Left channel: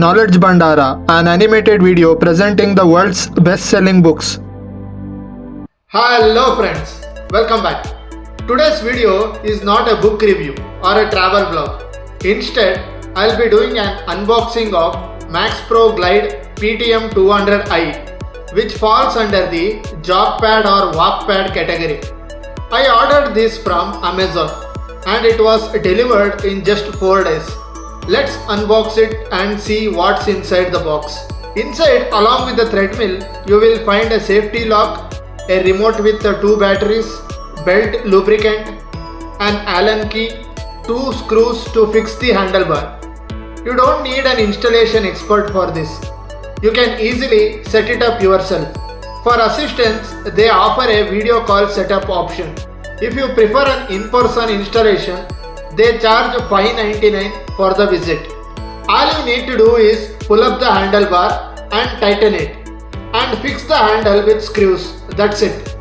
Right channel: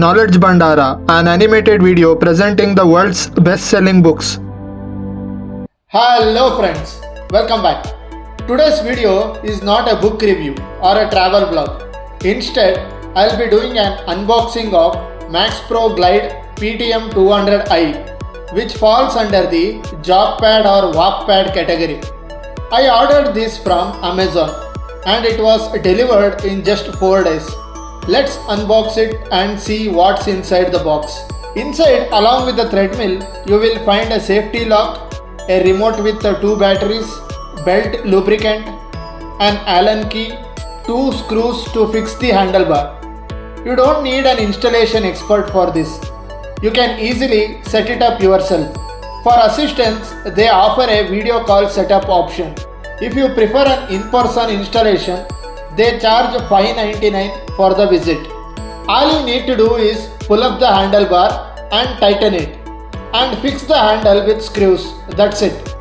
Knowledge Bandara, an animated video presenting the world's best-selling books. Hello friends, welcome back. Today's video is not a book review or a travel vlog. Instead, I'll be doing an unboxing of Maxpro Glide PTM 200i, which falls under the Walkpad or Walkpad category. I ordered this from Amazon and it was delivered in just 4 days. Let's unbox it and see what's inside the box. Inside, along with the treadmill, you will find a safety lock, a remote with 2 batteries, belt lubricant, an Allen key, 2 screws to fix the handlebar. You don't need an installation expert for this. You can easily set it up yourself. For assistance, they offer a video call setup option. If you prefer an in-person installation, they charge $5.99 for the visit. All you need to do is pull up the handlebar and tighten it, and fix the handle with screws. That's it.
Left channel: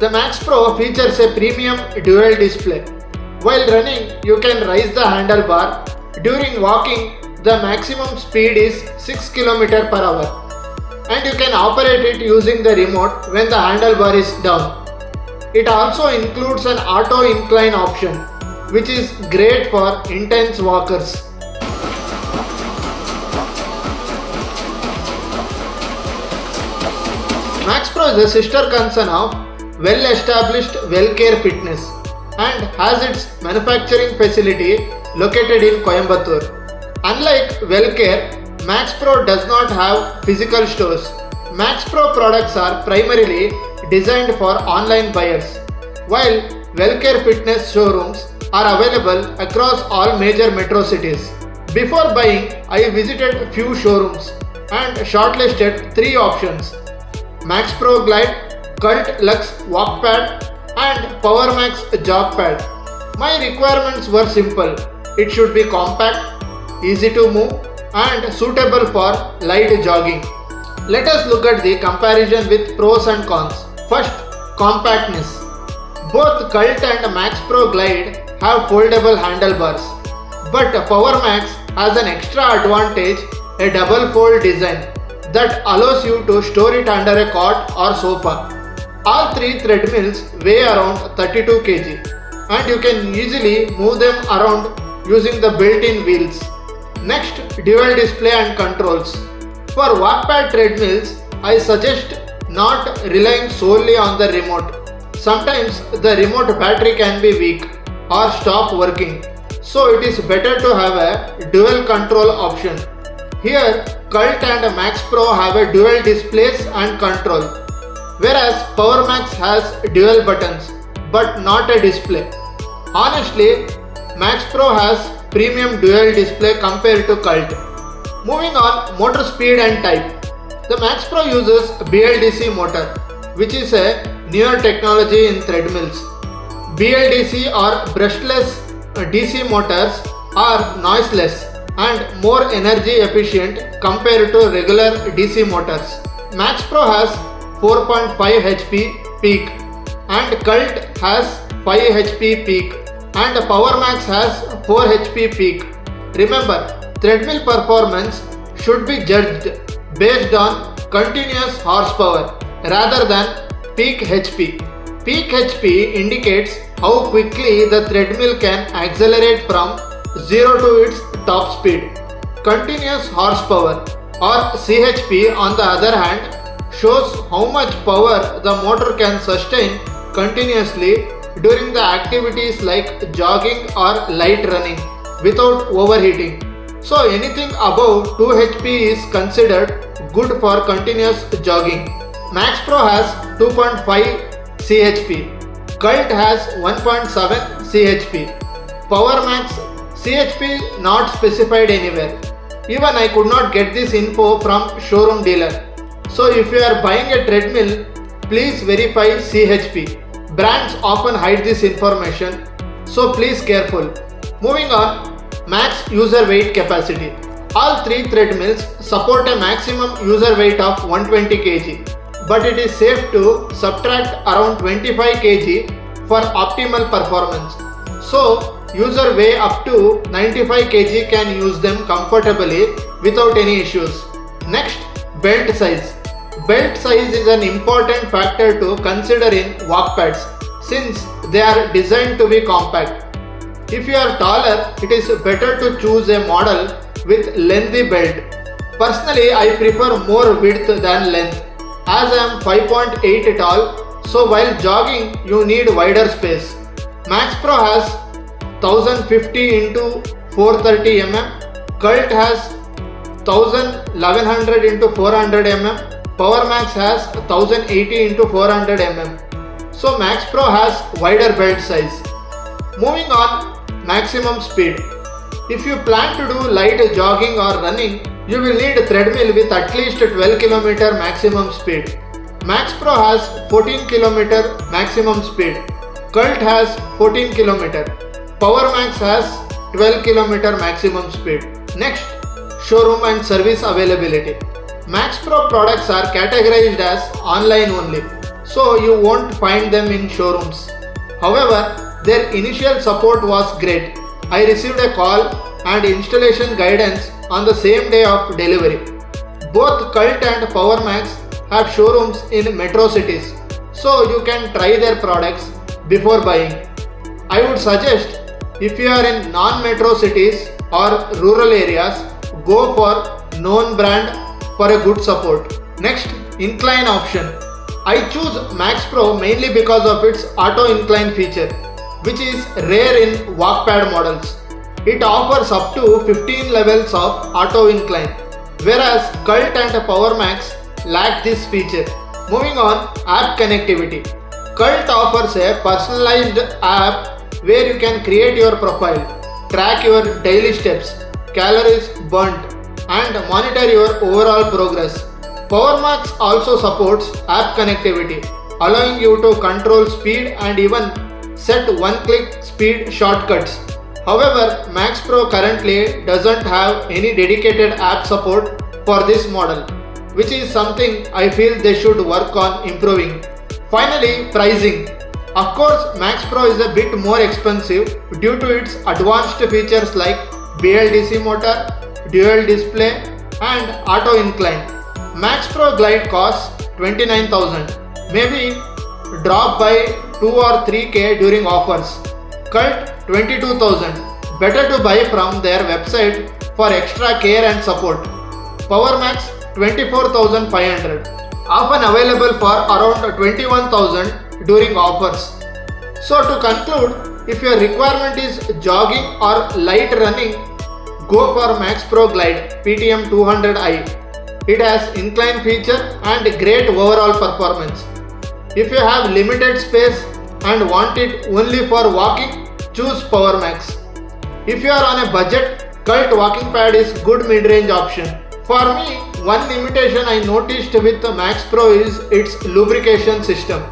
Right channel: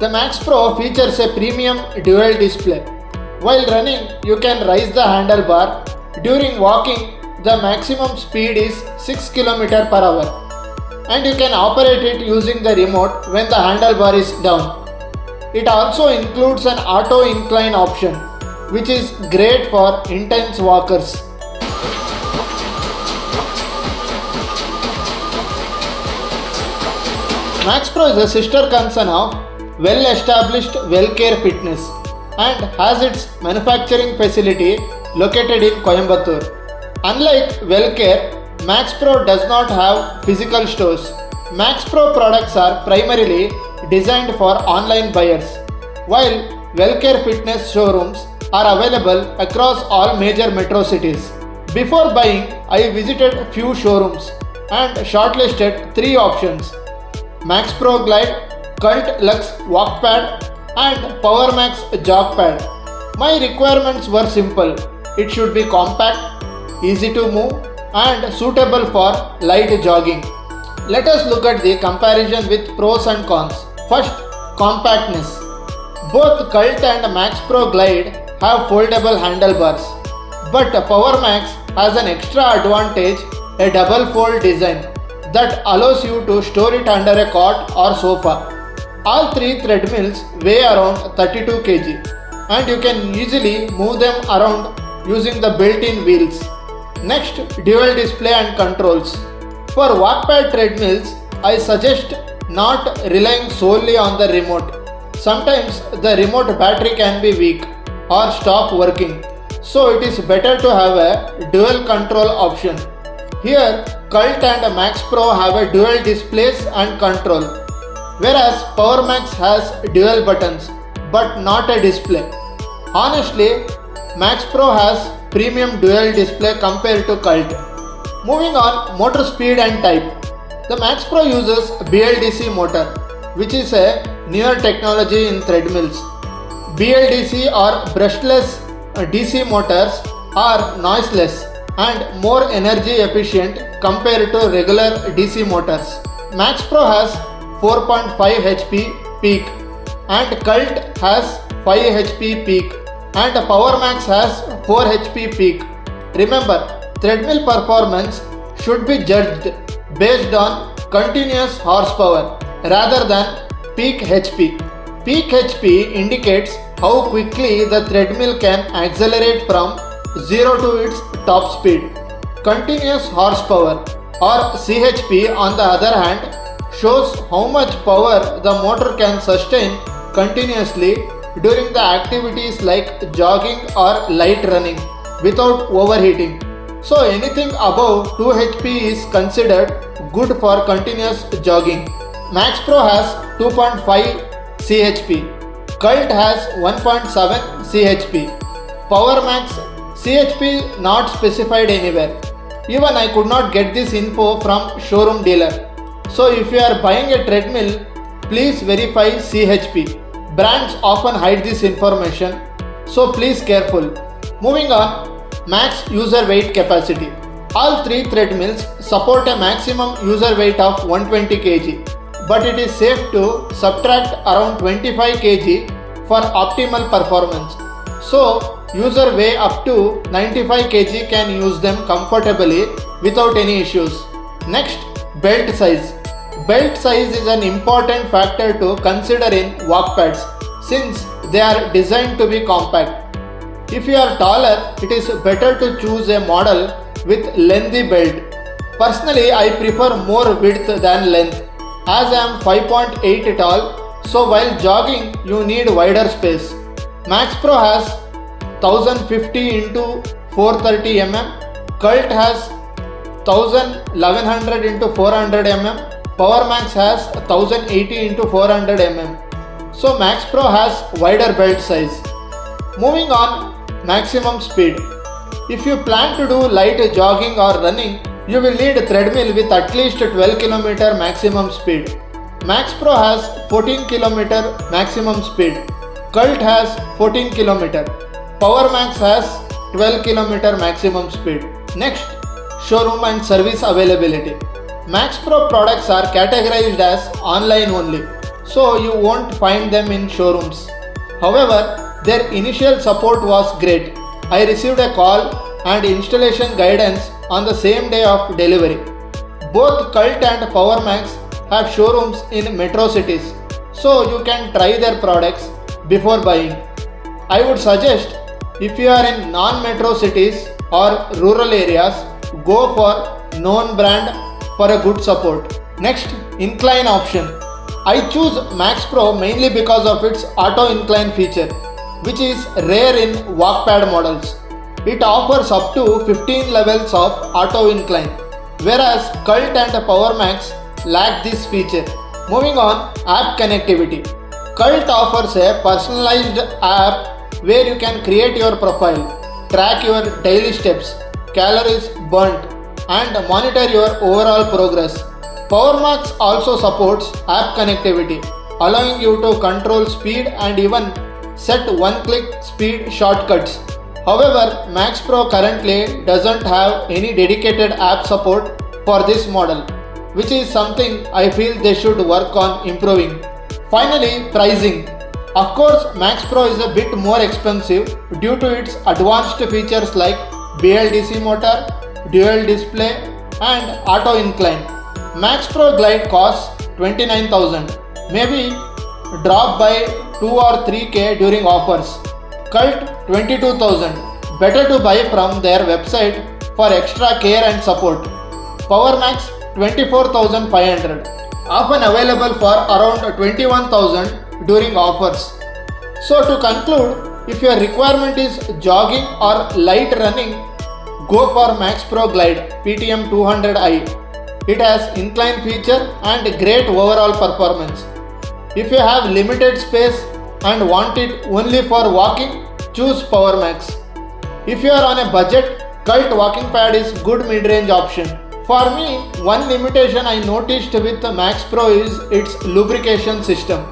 The Maxpro features a premium dual display. While running, you can raise the handlebar. During walking, the maximum speed is 6 km per hour, and you can operate it using the remote when the handlebar is down. It also includes an auto incline option, which is great for intense walkers. Maxpro is a sister concern of well-established WellCare Fitness and has its manufacturing facility located in Coimbatore. Unlike WellCare, Maxpro does not have physical stores. Maxpro products are primarily designed for online buyers, while WellCare Fitness showrooms are available across all major metro cities. Before buying, I visited few showrooms and shortlisted 3 options: Maxpro Glide, Cult Walkpad and Powermax Walkpad. My requirements were simple. It should be compact, easy to move and suitable for light jogging. Let us look at the comparison with pros and cons. First, compactness. Both Cult and Maxpro Glide have foldable handlebars, but Powermax has an extra advantage, a double fold design that allows you to store it under a cot or sofa. All 3 treadmills weigh around 32 kg and you can easily move them around using the built-in wheels. Next, dual display and controls. For Walkpad treadmills, I suggest not relying solely on the remote. Sometimes the remote battery can be weak or stop working, so it is better to have a dual control option. Here, Cult and Maxpro have a dual displays and control, whereas Powermax has dual buttons but not a display. Honestly, Maxpro has premium dual display compared to Cult. Moving on, motor speed and type. The Maxpro uses BLDC motor, which is a newer technology in treadmills. BLDC or brushless DC motors are noiseless and more energy efficient compared to regular DC motors. Maxpro has 4.5 HP peak and Cult has 5 HP peak and Powermax has 4 HP peak. Remember, treadmill performance should be judged based on continuous horsepower rather than peak HP. Peak HP indicates how quickly the treadmill can accelerate from 0 to its top speed. Continuous horsepower or CHP, on the other hand, shows how much power the motor can sustain continuously during the activities like jogging or light running without overheating. So anything above 2 HP is considered good for continuous jogging. Maxpro has 2.5 CHP. Cult has 1.7 CHP. Powermax CHP not specified anywhere. Even I could not get this info from showroom dealer. So if you are buying a treadmill, please verify CHP. Brands often hide this information, so please careful. Moving on, max user weight capacity. All 3 treadmills support a maximum user weight of 120 kg, but it is safe to subtract around 25 kg for optimal performance. So, user weigh up to 95 kg can use them comfortably without any issues. Next, belt size. Belt size is an important factor to consider in walkpads since they are designed to be compact. If you are taller, it is better to choose a model with lengthy belt. Personally, I prefer more width than length as I am 5.8 tall, so while jogging you need wider space. Maxpro has 1050 into 430 mm, Cult has 1100 into 400 mm, Powermax has 1080 into 400 mm. So Maxpro has wider belt size. Moving on, maximum speed. If you plan to do light jogging or running, you will need a treadmill with at least 12 km maximum speed. Maxpro has 14 km maximum speed. Cult has 14 km. Powermax has 12 km maximum speed. Next, showroom and service availability. Maxpro products are categorized as online only, so you won't find them in showrooms. However, their initial support was great. I received a call and installation guidance on the same day of delivery. Both Cult and Powermax have showrooms in metro cities, so you can try their products before buying. I would suggest if you are in non-metro cities or rural areas, go for known brand for a good support. Next, incline option. I choose Maxpro mainly because of its auto incline feature, which is rare in Walkpad models. It offers up to 15 levels of auto incline, whereas Cult and Powermax lack this feature. Moving on, app connectivity. Cult offers a personalized app where you can create your profile, track your daily steps, calories burnt, and monitor your overall progress. Powermax also supports app connectivity, allowing you to control speed and even set one-click speed shortcuts. However, Maxpro currently doesn't have any dedicated app support for this model, which is something I feel they should work on improving. Finally, pricing. Of course, Maxpro is a bit more expensive due to its advanced features like BLDC motor, dual display, and auto incline. Maxpro Glide costs 29,000, maybe drop by 2 or 3k during offers. Cult 22,000, better to buy from their website for extra care and support. Powermax 24,500, often available for around 21,000 during offers. So to conclude, if your requirement is jogging or light running, go for Maxpro Glide PTM 200i. It has incline feature and great overall performance. If you have limited space and want it only for walking, choose Powermax. If you are on a budget, Cult walking pad is good mid-range option. For me, one limitation I noticed with Maxpro is its lubrication system.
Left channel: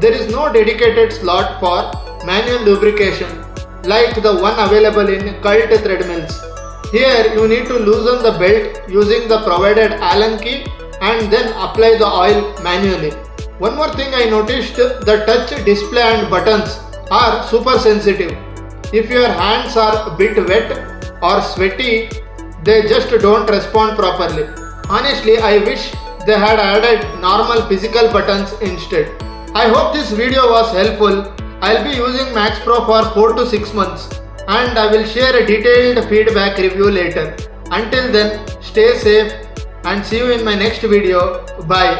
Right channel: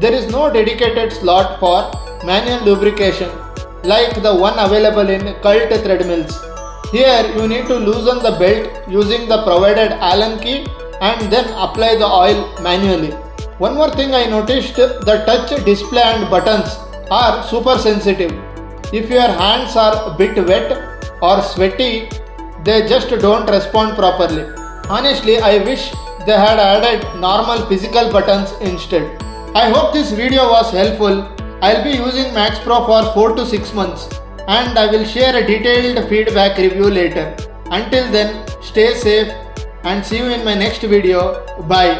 There is no dedicated slot for manual lubrication like the one available in Cult treadmills. Here you need to loosen the belt using the provided Allen key and then apply the oil manually. One more thing I noticed, the touch display and buttons are super sensitive. If your hands are a bit wet or sweaty, they just don't respond properly. Honestly, I wish they had added normal physical buttons instead. I hope this video was helpful. I'll be using Maxpro for 4 to 6 months and I will share a detailed feedback review later. Until then, stay safe and see you in my next video. Bye.